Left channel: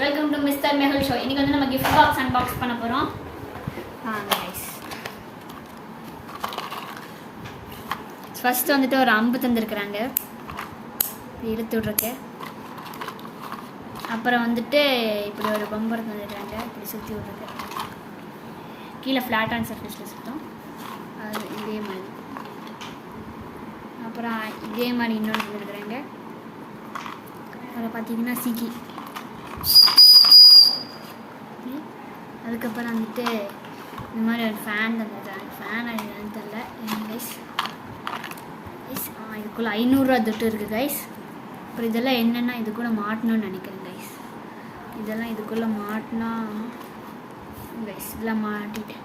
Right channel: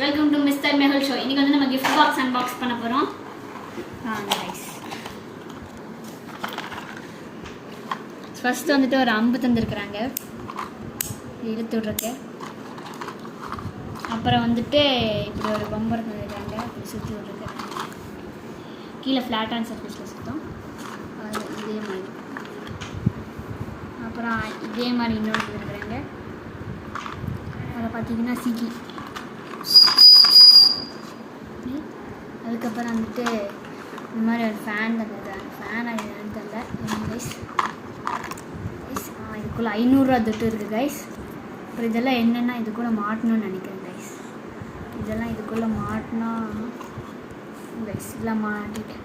Welcome to mister Mehul show. இன்னைக்கு வந்து நம்ம gift box unbox பண்ண போறோம். guys, ஃபர்ஸ்ட் வந்துட்டு ஒரு அம்பு தந்திருக்காங்க, இழுத்து விட்றக்கு. அப்புறம் வந்துட்டு இப்படி ஒரு பம்பர் தந்திருக்காங்க, இப்படி சுற்றி விட்றக்கு. கீழே ஃப்ளாட்டான சர்ஃபேஸில் சுத்தம் இதே மாதிரி. அப்புறம் இதே மாதிரி இன்னொன்று தந்திருக்கிறாங்க. அதில் பார்த்தீங்கன்னா சீக்கி. அதுக்கப்புறம் வந்துட்டு இந்த மாதிரி ஒரு ஃபேன் தந்துருக்காங்க. ஃபேன் அது என்னன்னு தெரியல. கைஸ் இதுக்குள்ளே 500 ரூபா துட்டு இருக்குது கைஸ். அப்புறம் இதெல்லாம் என்னென்னா இது கூட மாட்டணும்னு நினைக்கிறேன் கைஸ். இதெல்லாம் இதுக்குள்ளே மாட்டினா கைஸ் இதெல்லாம் மாட்டிட்டேன்.